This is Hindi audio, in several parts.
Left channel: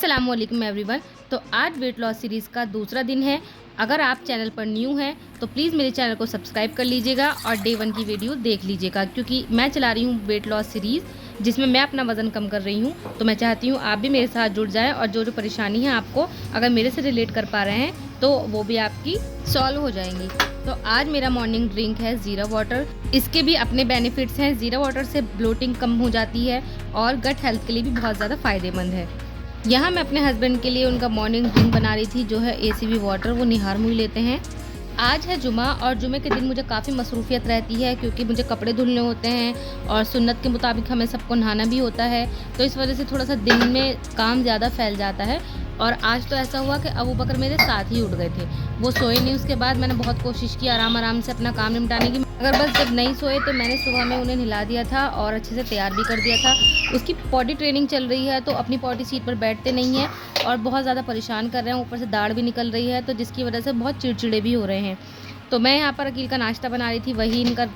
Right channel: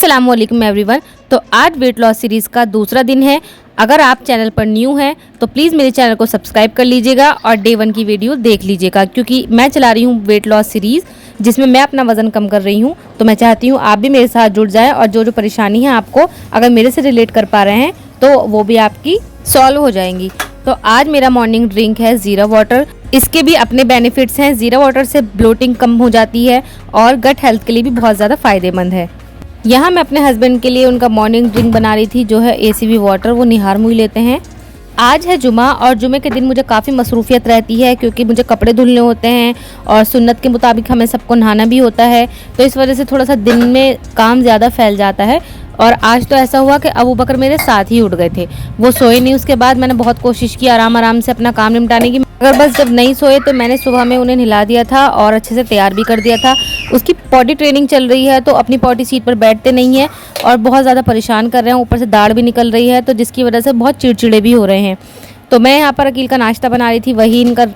अस्सलामुअलैकुम एवरीवन। तो आज वेट लॉस सीरीज़ का दूसरा दिन है। अगर आप चैनल पर न्यू हैं तो प्लीज़ मेरे चैनल को सब्सक्राइब कर लीजिएगा और डे 1 की वीडियो देख लीजिएगा, क्योंकि मैं चला रही हूँ वेट लॉस सीरीज़ जिसमें मैं अपना वज़न कम कर रही हूँ। तो मैं चाहती हूँ आप भी मेरे साथ जुड़ जाएँ और जो जो परेशानी है आपको अगर मेरे से रिलेट कर पा रहे हैं तो वो भी आपकी सॉल्व हो जाएंगी। तो आज मेरा मॉर्निंग ड्रिंक है ज़ीरा वाटर। इसके भी अपने बेनिफिट्स हैं। ज़ीरा वाटर से ब्लोटिंग कम हो जाती है और गट हेल्थ के लिए भी बहुत ज़्यादा फ़ायदेमंद है। यहाँ मैं अपने हस्बैंड के लिए उनका मॉर्निंग ड्रिंक बना रही थी, जो है एसीवी वाटर। वो निहार मुई लेते हैं। आज है जुमा और जुमे के दिन मुझे काफ़ी मसरूफियत रहती है, क्योंकि मुझे कपड़े धुलने होते हैं और सुन्नत के मुताबिक हमें सबको नहाना भी होता है। तो इस वजह से थोड़ा सा दिन में काम ज़्यादा फैल जाता है। और आज तो ऐसा हुआ कि अबू बकर मेरे साथ ही उठ गए थे, वो सोए नहीं। उसके बाद मैंने बहुत कोशिश की आराम आराम से अपना काम निपटाने की, मगर बस जब नहीं सोए तो मैंने सुबह में उन्हें नहला दिया था और अच्छे से तैयार भी कर दिया था। उसकी पॉटी ट्रेनिंग चल रही है तो अपनी पॉटी सीट पर बैठते नहीं है और बहुत ज़्यादा परेशान कर रहे हैं। ऊपर से दाढ़ भी निकल रही है, तो जिसकी वजह से बहुत चिड़चिड़े भी हो रहे हैं। तो मैं यहाँ पर अकील का नाश्ता बना रही थी, वही इनका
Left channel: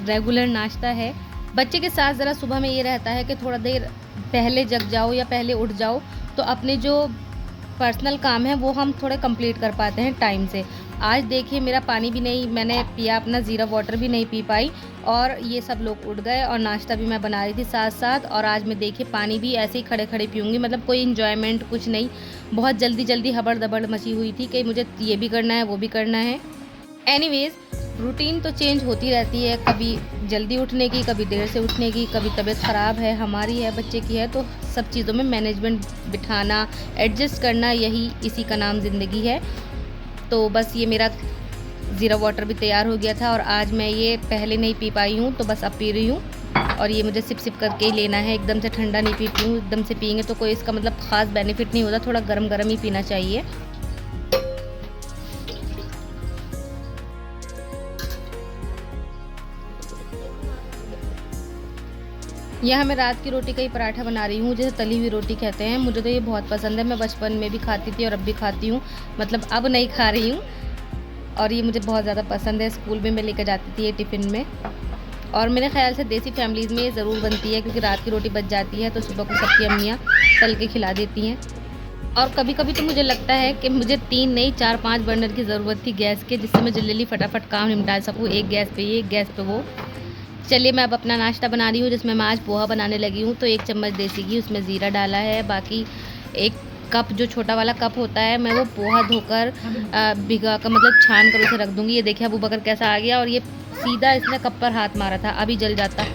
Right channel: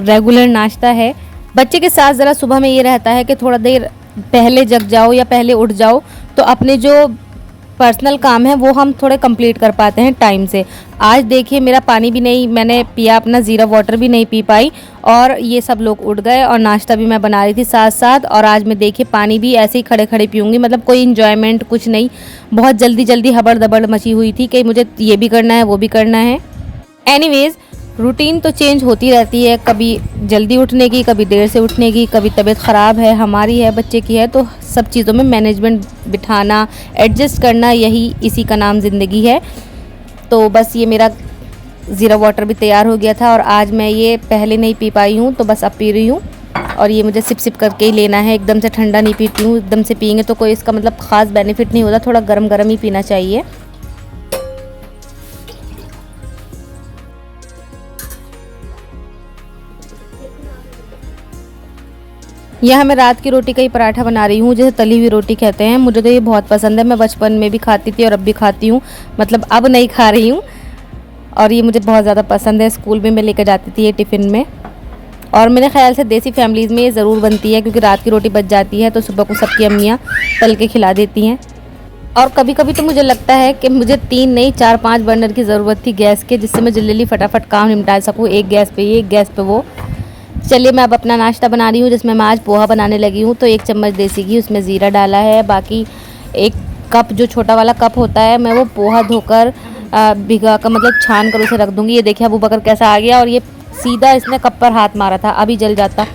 रेगुलर नाश्ता है। बच्चे के साथ ज़रा सुबह में ये रहता है कि थोड़ा देर पहले जग जाओ या पहले उठ जाओ, तो अपने जो पर्सनल काम है वो हम थोड़े कंप्लीट कर पाते हैं टाइम से। आज देखिए मेरा पानी भी नहीं मैंने पिया, अपना ज़ीरा वाटर भी नहीं पी पाई और ये सब लोग उठ गए और नाश्ता भी मैं बना रही थी साथ साथ। और आज मैं देखिए पानी भी ऐसे ही खड़े खड़े पीऊँगी, मतलब कोई इन्जॉयमेंट कुछ नहीं। बहुत जल्दी जल्दी हबड़ दबड़ मची हुई थी कि मुझे ये भी करना है वो भी करना है। एनीवेज़ रूटीन तो चेंज होती रहती है, कभी जल्दी उठने की, कभी देर से उठने की, कभी तबीयत ख़राब है, हमारी है, बच्चे की है। तो सब चीज़ों में मैनेजमेंट बिठाना, एडजस्ट करना, यही इसी का नाम ज़िंदगी है। तो बस ये मेरा ज़ीरा वाटर भी तैयार हो गया था और आज मैं ये पहले नहीं पी पाई हूँ, तो बस अब पी रही हूँ। और ये मुझे सिप सिप करके ही लेना है, एकदम से ठंडा नहीं पीती हूँ। एकदम से पियेंगे तो कोई इसका मतलब ख़ास बेनिफिट नहीं होता, थोड़ा गर्म गर्म ही पीना चाहिए। यहाँ मैं रात की रोटी का ही पराठा बना रही हूँ, जैसे तली हुई रोटी कहते हैं। मुझे तो ये बहुत पसंद है, मैं बचपन में भी खाती थी और अब भी खाती हूँ, मतलब अब नहीं खा रही हूँ। और ये मुझे बहुत ज़्यादा पसंद है, स्कूल में मैं लेकर जाती थी ये टिफ़िन में। और मेरे ख्याल से देसी फैमिलीज़ में ये ज़रूर बनती है, क्योंकि रात की रोटी बच जाती है तो सुबह को सबकी अम्मियाँ तल के खिला देती हैं। और कभी कभी तो मुझे लगता है कि मुझे 3 नहीं 4-5 बर्नर की ज़रूरत थी गैस के, जिससे मैं जल्दी फटाफट काम निपटा सकूँ। एक गैस पे ये, एक गैस पे वो। चलिए मैं अब अपना नाश्ता बना रही हूँ, जिसमें मैं आज पोहा बनाने लगी हूँ। तो 1 चम्मच देसी घी, उसमें ज़ीरा डाला है। बाकी 1 कप जो छोटा वाला कप होता है, मैं वो पोहा धोकर भिगा कर मतलब छान कर उसे रख दूँगी। ये देखिए अबू बकर कैसा आ गया और ये सीधा इसने कप पर हाथ मारा था, अभी जल जाता।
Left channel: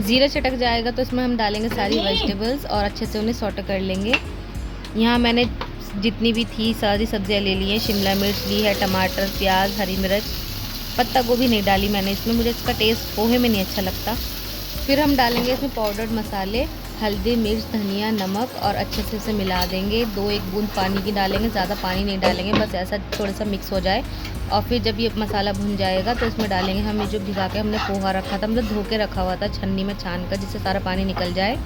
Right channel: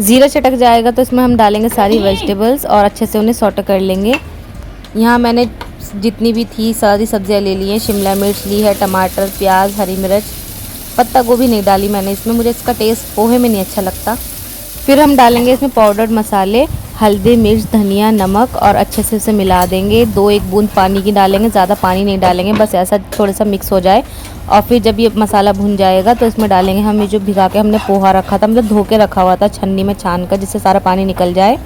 ज़ीरा चटक जाएगा तो इसमें हम डालेंगे सारी वेजिटेबल्स और अच्छे से उन्हें सॉटे कर लेंगे। यहाँ मैंने जितनी भी थी सारी सब्जियाँ ले ली हैं। शिमला मिर्च ली है, टमाटर, प्याज, हरी मिर्च, पत्ता गोभी नहीं डाली मैंने इसमें, मुझे इसका टेस्ट पोहे में नहीं अच्छा लगता। फिर हम डालेंगे इसमें पाउडर्ड मसाले, हल्दी, मिर्च, धनिया, नमक और अच्छे से उसे मिला देंगे। 2-1 बूंद पानी की डालेंगे, ज़्यादा पानी नहीं डालेंगे, बस ऐसा थोड़ा सा मिक्स हो जाए। और फिर जब ये मसाला भुन जाएगा तो इसमें डालेंगे हम ये जो भिगा के हमने पोहा रखा था, मतलब धो के रखा हुआ था छन्नी में छान कर, जिससे सारा पानी निकल जाए।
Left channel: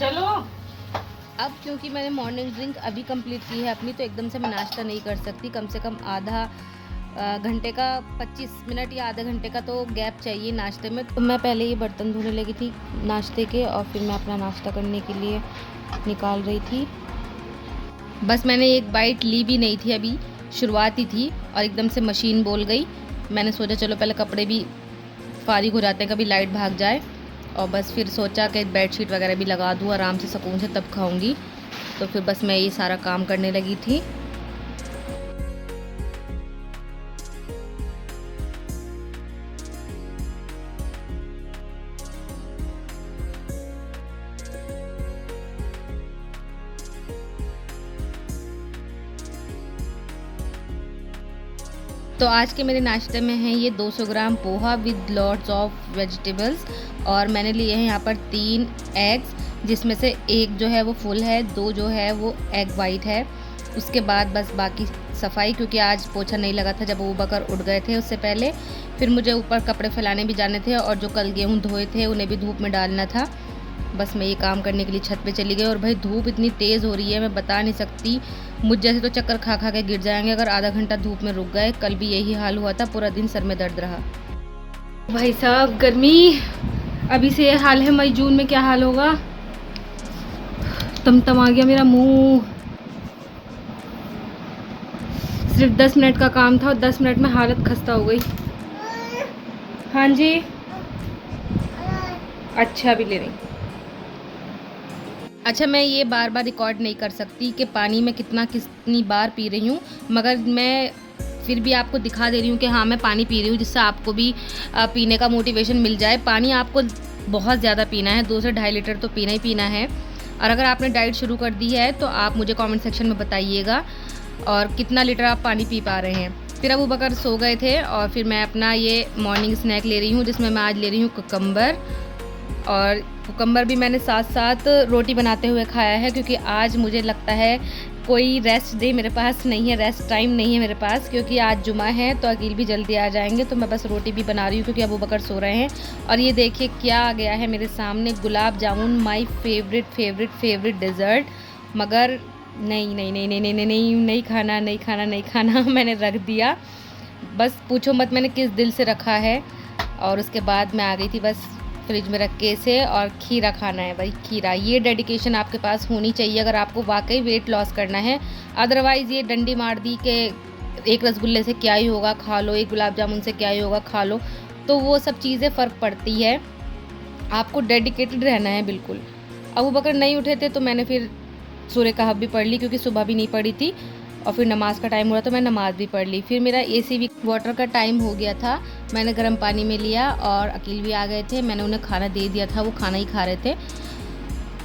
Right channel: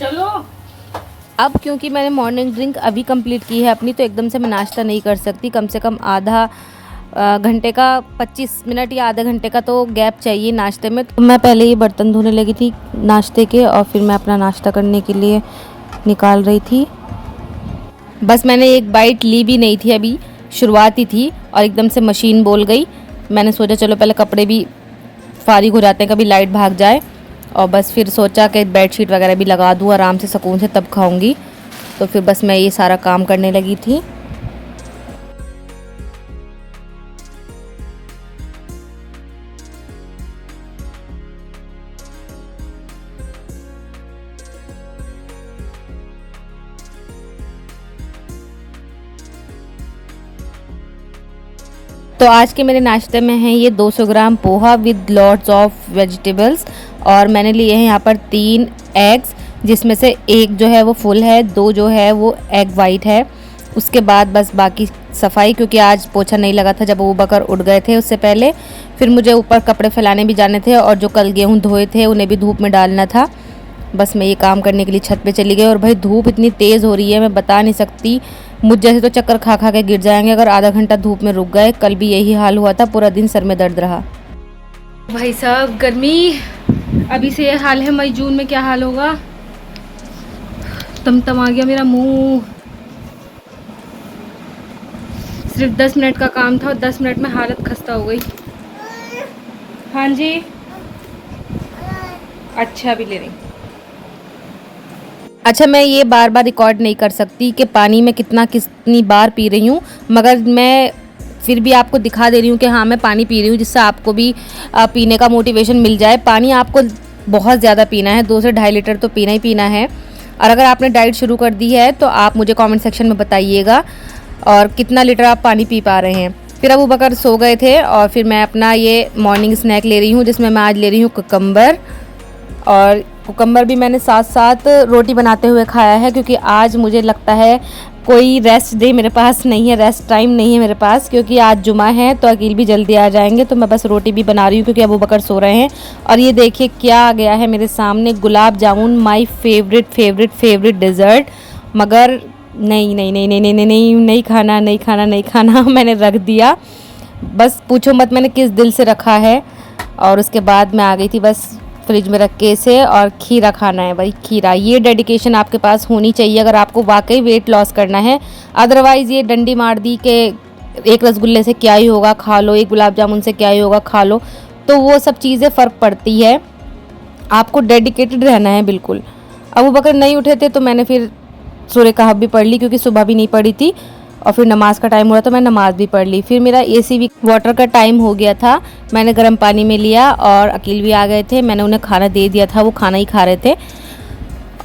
चलो अब क्योंकि मैंने मॉर्निंग ड्रिंक अभी कंप्लीट की है अपनी, तो एकदम से मैं नाश्ता नहीं कर सकती। कम से कम आधा घंटे का 25 मिनट या आधे घंटे का तो गैप चाहिए नाश्ते में। तो मैं पहले ही बर्तन धोने लगी थी नाश्ते के और फिर मैं अपना नाश्ता करने के लिए निकाल रही थी। बस मैंने एक बाइट ली भी नहीं थी, अभी शुरुआत ही थी और एकदम से मशीन बोल गई। मैंने सोचा चलो पहले कपड़े भी फारिग हो जाते हैं, कभी लाइट भाग जाए। और बस फिर सोचा कि बेडशीट वगैरह भी लगा दूँ आराम से सुकून से, तब खाऊंगी। तो फिर बस मैं ये सारा काम करने लगी थी। तो आज के मेरे नाश्ते में है ये 200 gram poha with lots of vegetables. और मैंने लिए हैं यहाँ पर 3 एग्स, जिसमें से 1 जो है वो फुल है, 2 जो है वो एग वाइट है। उसके बाद बस बाकी सफाई, क्योंकि आज पोछा नहीं लगा था जब वो बकर उठ गए थे उससे पहले। फिर मुझे ऊपर कपड़े फैलाने भी जाने थे और जो कल गेहूँ धोए थे उन्हें भी धूप में डालना था। बस मैं ये काम करने के लिए छत पे चली गई। और भाई धूप इतनी तेज़ हो रही है, मैं बता नहीं सकती मुझ जैसे तो चक्कर खा खा के गिर जाएंगे अगर आधा घंटा धूप में रुक गए। कल भी यही हाल हुआ था, पूरा दिन सर में दर्द रहा। भाई साहब गर्मी अभी से ये हाल है, मई जून में क्या हाल होगा। तम आ गया मेरा मुंह। सिर्फ 10 मिनट का काम था और 10 मिनट में हालत खस्ता हो गई। हाँ जी, अच्छा भी ले रही। अच्छा, मैं ये बार बार रिकॉर्ड नहीं कर सकती कि पानी में कितनी बार पी रही हूँ, मगर मैं फिर भी आपको दिखा दे रही हूँ कि हाँ मैं पानी पी रही हूँ, जिससे आपको भी पीने का मोटिवेशन मिल जाए। पानी आपको बहुत ज़्यादा पीना है, 2 से 2.5 लीटर तो पीना ही पीना है। और अगर आपने डाइट शुरू कर दी है तो आप मुझे कमेंट सेक्शन में बताइएगा और कितना लीटर आप पानी पी पा रहे हैं। फिर अबू बकर सो गए थे और फिर मैं अपना ये मॉर्निंग स्नैक ले रही हूँ, जिसमें मैं आज ले रही हूँ कुकम्बर। और कुकम्बर भी मैंने साथ साथ रोटी बनाते हुए खाया है, क्योंकि आज मुझे लगता है कोई रेस्ट डे मेरे पास नहीं है, रेस्ट टाइम नहीं है मेरे पास, क्योंकि आज जुमा है तो अकील भी जल्दी आ जाएंगे। तो मैं बस रोटी भी बना रही हूँ क्योंकि अबू बकर सो रहे हैं। और ये देखिए क्या आ गया है मेरे सामने, gulab jamun, my favourite dessert. मगर नहीं खाना मैंने रख दिया। बस पूछो मत मैंने किस दिल से रखा है। और उसके बाद मैं आ गई थी बस फ्रिज में रख के इसे, और खीरा खाना है भाई, खीरा। ये डेडिकेशन आपके पास होनी चाहिए अगर आपको वाकई वेट लॉस करना है। अदरवाइज़ ये डंडी मार दी कि एक रसगुल्ले से क्या ही होगा, खा लो, एक गुलाब जामुन से क्या ही होगा, खा लो, तो वो सब चीज़ें फ़र्क पड़ती है। आपको डेडिकेटेड रहना है बिल्कुल। अबू बकर नहीं उठे थे तो मैंने फिर सूर्य कहफ भी पढ़ ली, क्योंकि सुबह भी नहीं पढ़ी थी, और फिर नमाज़ का टाइम हो रहा तो मैं नमाज़ भी पढ़ ली। फिर मेरा एसी वाटर का टाइम हो गया था, मैंने गर्म पानी में लिया और अकील भी आ गए थे, मैंने उन्हें खाना दे दिया था, वो खाना ही खा रहे थे।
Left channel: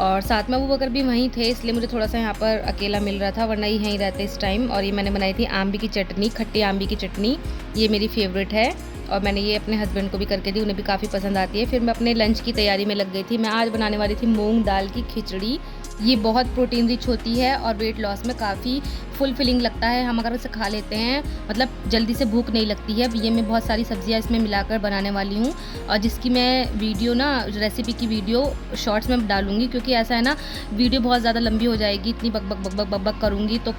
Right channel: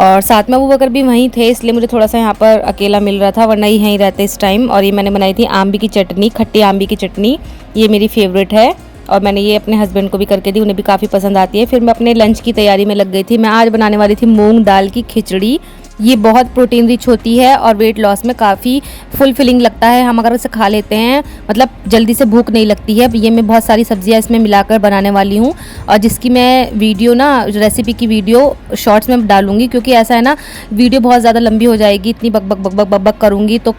और साथ में अबू बकर भी वहीं थे, इसलिए मुझे थोड़ा सा यहाँ पर अकेला मिल रहा था, वरना ही यहीं रहते इस टाइम। और ये मैंने बनाई थी आम्बी की चटनी, खट्टी आम्बी की चटनी, ये मेरी फेवरेट है और मैंने ये अपने हस्बैंड को भी करके दी, उन्हें भी काफ़ी पसंद आती है। फिर मैं अपने लंच की तैयारी में लग गई थी। मैं आज बनाने वाली थी मूंग दाल की खिचड़ी। ये बहुत प्रोटीन रिच होती है और वेट लॉस में काफ़ी फुलफिलिंग लगता है। हम अगर इसे खा लेते हैं, मतलब जल्दी से भूख नहीं लगती है। ये मैं बहुत सारी सब्जियां इसमें मिलाकर बनाने वाली हूँ, और जिसकी मैं वीडियो ना, रेसिपी की वीडियो शॉर्ट्स में डालूंगी, क्योंकि ऐसा है ना, वीडियो बहुत ज़्यादा लंबी हो जाएगी, इतनी बक करूँगी तो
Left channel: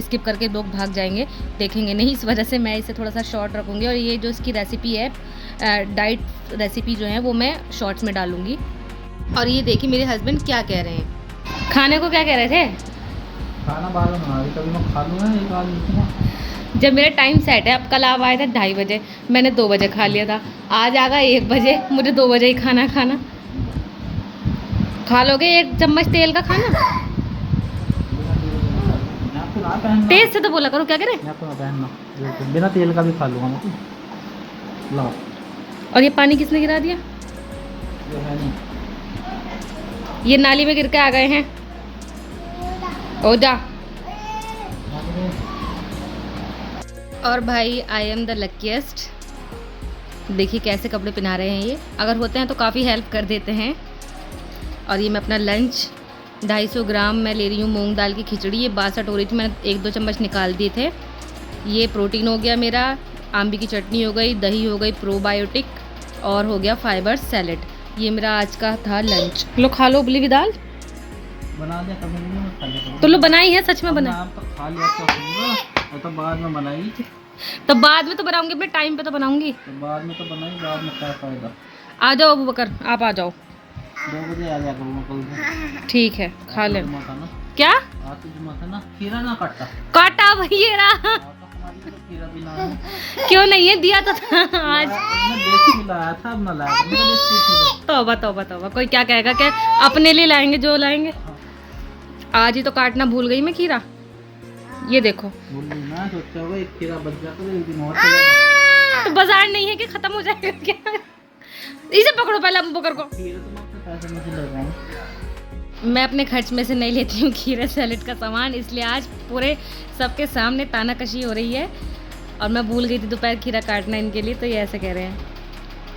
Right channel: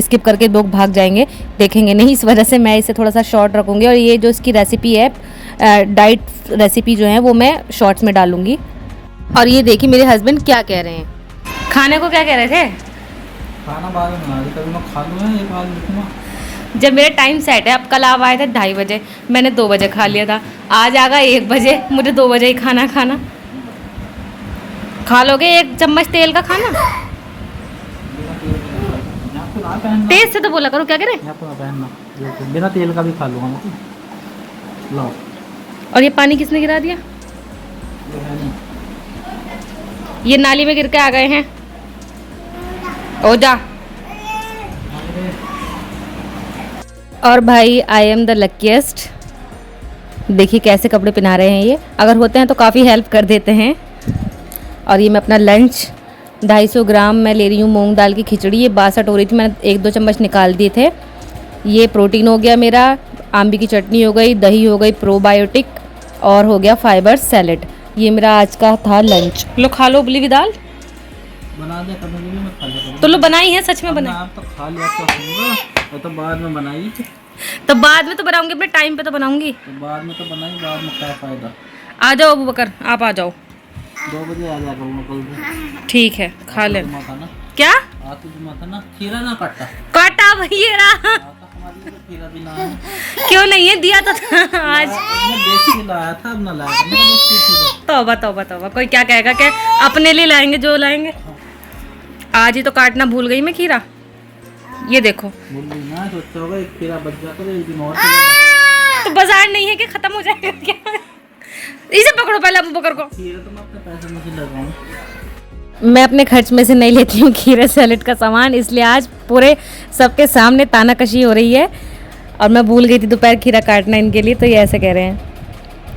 स्किप करके लोग भाग जाएंगे, देखेंगे नहीं। इस वजह से मैं इसे थोड़ा सा शॉर्ट रखूँगी, और ये जो इसकी रेसिपी है, डाइट रेसिपी जो है, वो मैं शॉर्ट्स में डालूँगी। और ये देखिए मेरे हस्बैंड क्या कह रहे हैं, खाने को क्या कह रहे थे? खाना बाद में बना रही, कभी मैं खा लूँगा, एक बार लिखूँगा। जब मेरा टाइम सेट है, अब कल आप आए थे 2:30 बजे, मैंने 2 बजे खा लिया था, आज आगा 1 बजे, मुझे 2 बजे ही खाना खा लोगे 1 चम्मच तेल का खाना? तेज से तो बोला करो, क्या करें? बिना तेल का भी खा लूँगा मैं, लाओ। और ये पानी किसने गिरा दिया? ये नाली में गिर के आ गए हैं। ओ जा। और भाई आई एम द लकीएस्ट, देखिए कैसे कपड़े पहना रहे हैं ये, अगर होते हैं तो काफ़ी हेल्प कर देते हैं। और ये मैं अपना लंच 250 ग्राम मैं ले रही हूँ मूंग दाल की खिचड़ी, ये 62 हो रही थी, मैंने 1-2 चम्मच निकाल दिए थे। ये प्रोटीन हो गया मेरा, आम्बी की चटनी हो गई, दही हो गई प्रोबायोटिक, और हो गया फाइबर सैलेड। ये मेरा आज का था लंच। लो खा लो उबली हुई दाल, बना दे, कभी भी मत खा ले। तो लो बनाई है, सच में बना। आप तो खा लिया तो होगा, तो बाद में बनाई, तो बाद में तो बनाऊंगी, अपने टाइम पे तो बनाऊंगी, तो बाद में तो बनाई, बाद में क्या फ़ायदा। आ जाओ अबू बकर, आप आ जाओ, 2 बजे आ जाया करूँगा कल। ठीक है, खा ले। क्या आते जुमा था ना, खीरा ना काटा भैया रहा, खीरा भी ना है। क्यों नहीं है, दिया तो था आज। मैं देख के लाया था, अब ना लाया, मेरा देख के तौबा, कोई क्या कहेगा, क्या अपने लिए लाएंगे जो लाएंगे। आज ही तो काटना भूल गई मैं खीरा, ये देखो। भूल गई ना, सोचा होगा एक खीरा बच गया तो एक दिन और चलेगा। तो बाजार नहीं है कि खत्म हो जाएगा क्या? इसे पकड़ो पहले अबू बकर को। खीरा तो मैं अपने पैसे में से लगाऊं, मैं अपने खर्च में से नहीं लेती हूँ खीरे सैलेड का सामान, इसलिए आज पूरे सबके सामने तानाकशी हो रही है। और मैं भूल गई थी दोपहर खीरा काटना इनके लिए, तो ये ऐसे कह रहे हैं।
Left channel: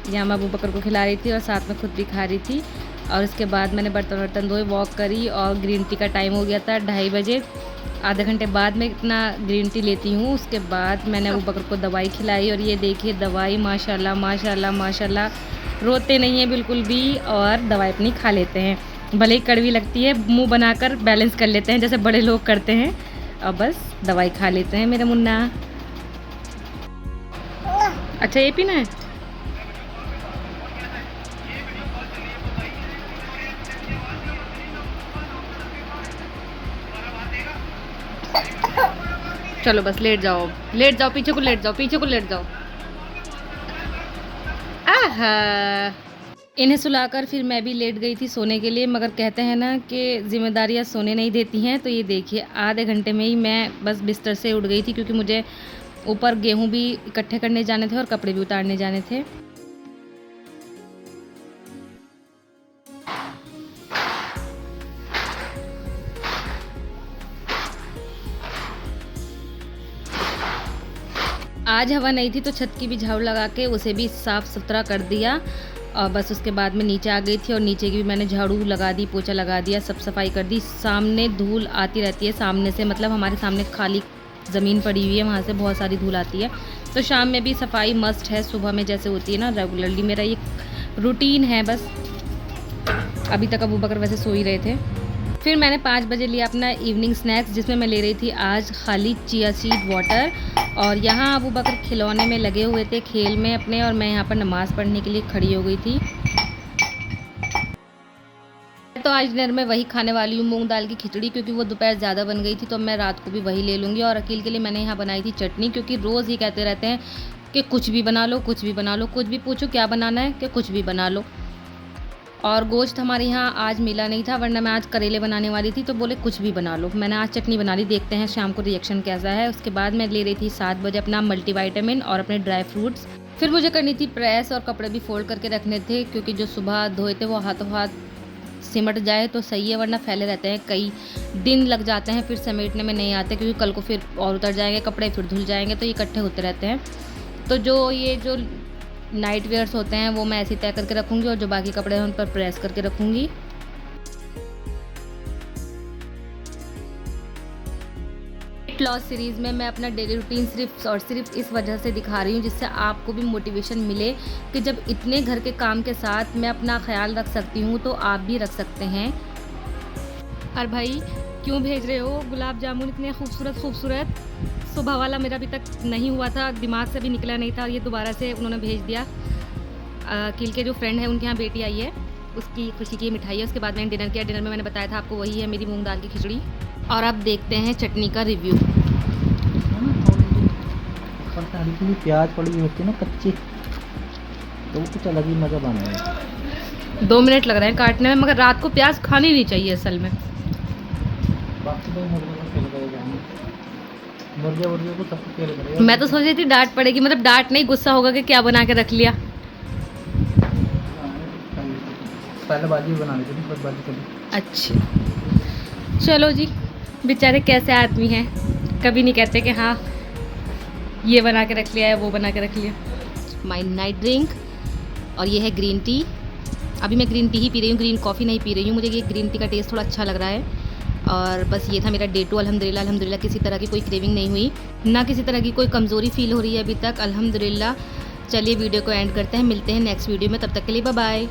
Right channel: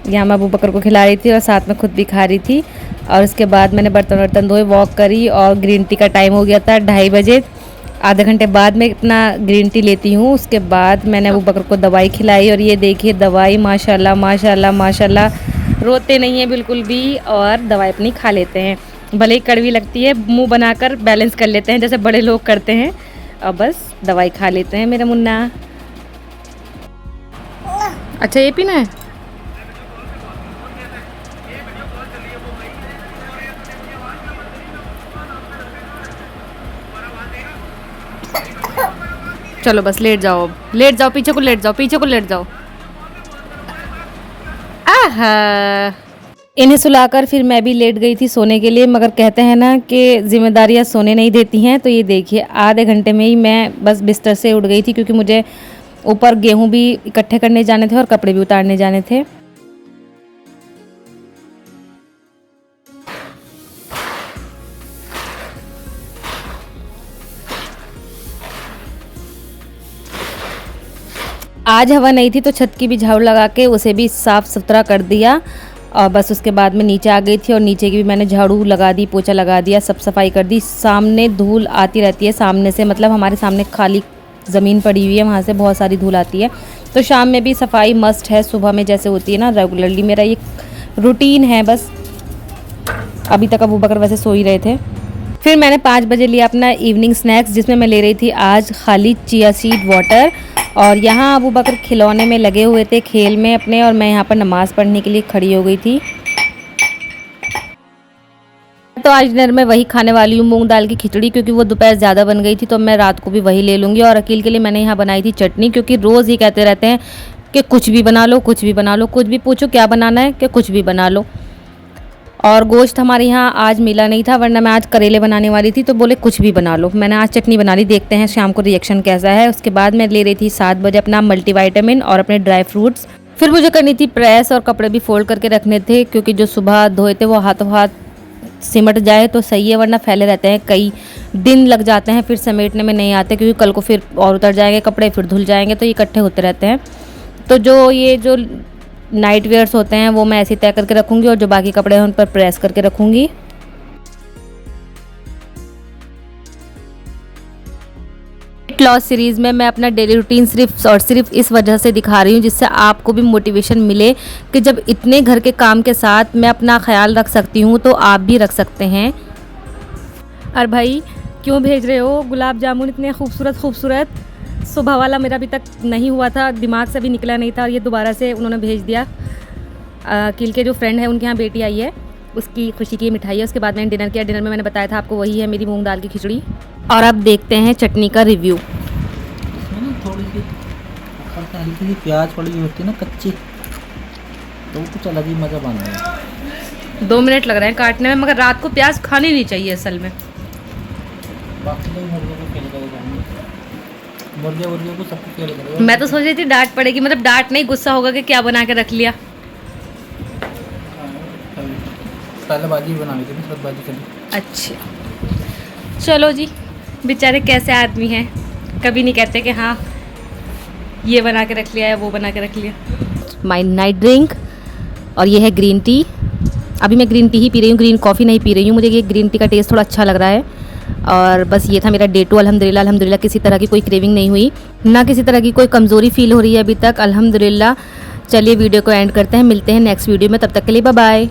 यहाँ मैं अबू बकर को खिला रही थी और साथ में खुद भी खा रही थी। और उसके बाद मैंने बर्तन धोए, वॉक करी, और ग्रीन टी का टाइम हो गया था 2:30 बजे। आधे घंटे बाद मैं इतना ग्रीन टी लेती हूँ। उसके बाद मैंने अबू बकर को दवाई खिलाई, और ये देखिए दवाई माशाल्लाह रोते नहीं है बिल्कुल भी, और दवाई अपनी खा लेते हैं। भले ही कड़वी लगती है, मुंह बनाकर बैलेंस कर लेते हैं जैसे बड़े लोग करते हैं। अब बस दवाई खा लेते हैं मेरा मुन्ना। अच्छा ये पीना है। चलो बस लेट जाओ, लेट जाओ, पीछे को लेट जाओ, पीछे को लेट जाओ। आहा, इन्हें सुलाकर फिर मैं भी लेट गई थी सोने के लिए, मगर कहते हैं ना कि जिम्मेदारियां सोने नहीं देती हैं। तो ये देखिए आधे घंटे में ही मैं बस बिस्तर से उठ गई थी, क्योंकि मुझे ऊपर गेहूं भी इकट्ठे करने जाने थे और कपड़े भी उतारने जाने थे। आज हवा नहीं थी तो छत की भी झाड़ू लगा के उसे भी साफ़ सुथरा कर दिया, और बस उसके बाद में नीचे आ गई थी और नीचे की भी मैंने झाड़ू लगा दी, पोछा लगा दिया, सब सफाई कर दी। सामने धूल आती रहती है, सामने से मतलब हमारे सामने खाली ज़मीन पड़ी हुई है, वहाँ से बहुत सारी धूल आती है। तो शाम में भी सफाई मस्ट है, सुबह में जैसे होती है ना रेगुलरली, मेरा ये रूटीन है बस। अभी तक अबू बकर वैसे सो ही रहे थे। फिर मैंने 5 बजे लिया अपना इवनिंग स्नैक्स, जिसमें मैं ले रही थी आज खाली चिया सीड वाटर। और यहाँ अबू बकर खिलौने में लगे हुए थे, खेल में अपने, और मैं यहाँ पर नमाज़ पढ़ने के लिए खड़ी हो गई थी। तो आज डिनर में वही खाने वाली हूँ, मूंग दाल की खिचड़ी, क्योंकि वो दोपहर ज़्यादा बन गई थी तो मैं रात को भी वही ले लूँगी। और अकील के लिए मैंने यहाँ बनाई थी चटनी, क्योंकि रोज़ ही कहते रहते हैं कि कुछ भी बना लो, कुछ भी बना लो, कुछ भी पूछो क्या बनाना है कि कुछ भी बना लो। और गोश्त हमारे यहाँ आज मिला नहीं था, वरना मैं आज करेले बनाने वाली थी, तो बोले कुछ भी बना लो। मैंने आज चटनी बना ली, देखते हैं शाम को रिएक्शन कैसा है। उसके बाद मैं ले रही थी 7 बजे अपना मल्टीविटामिन और अपने ड्राई फ्रूट्स। फिर मुझे करनी थी प्रेस, और कपड़े भी फोल्ड करके रखने थे, क्योंकि जो सुबह धोए थे वो हाथों हाथ सिमट जाए तो सही है, वरना फैले रहते हैं, कई दिन लग जाते हैं, फिर समेटने में नहीं आते, क्योंकि कल को फिर और उतर जाएंगे कपड़े, फिर धुल जाएंगे, तो ये इकट्ठे होते रहते हैं। तो जो नाइट वेयर्स होते हैं वो मैं ऐसे ही तय करके रखूँगी, और जो बाकी कपड़े हैं उन पर प्रेस करके रखूँगी। वेट लॉस सीरीज़ में मैं अपना डेली रूटीन सिर्फ और सिर्फ इस वजह से दिखा रही हूँ, जिससे आपको भी मोटिवेशन मिले कि जब इतने घर के काम के साथ मैं अपना ख्याल रख सकती हूँ तो आप भी रख सकते हैं। और भाई क्यों भेज रहे हो गुलाब जामुन इतने खूबसूरत खूबसूरत? सुबह वाला मेरा अभी तक नहीं हुआ था, दिमाग से भी निकला नहीं था, और ये दोबारा से उन्होंने भेज दिया। किल के जो फ्रेंड है उनके यहाँ बेटी आई है, उसकी खुशी की मिठाई है। उसके बाद मैंने डिनर किया, डिनर में मैंने बताया था आपको, वही है मेरी मूंग दाल की खिचड़ी। और अब देखते हैं चटनी का रिव्यू। थोड़ी सी हल्की सी प्याज पड़ी होती है ना कच्ची, तो कुछ अलग ही मज़ा बन रहा है। 2 मिनट लग रहे हैं काटने में, मगर रात को प्याज खानी नहीं चाहिए असल में। बाकी तो मुर्गे को खेल कर जाएंगे, मुर्गे को सबको खेल करेगा। मैं तो सोच रही थी डांट पड़ेगी, मतलब डांट नहीं, गुस्सा होगा कि क्या बना के रख लिया। पहले भाजी बना ली थी, सब भाजी करी। अच्छा चलो जी, बेचारे कैसे आदमी हैं, कभी नहीं कहते कि हाँ ये बना के रख लिया या वो बना के रख लिया। माय नाइट ड्रिंक, और ये है ग्रीन टी। अभी मैं ग्रीन टी ही पी रही हूँ, ग्रीन कॉफ़ी नहीं पी रही हूँ, मुझे ये ग्रीन टी का टेस्ट थोड़ा अच्छा लग रहा है। और बस ये था मेरा डे 2। अल्हम्दुलिल्लाह किसी तरह की कोई क्रेविंग नहीं हुई, ना किसी तरह की कोई कमज़ोरी फील हो रही है अभी तक, अल्हम्दुलिल्लाह। चलिए वीडियो को एंड करते हैं, मिलते हैं नेक्स्ट वीडियो में, तब तक के लिए बाय बाय।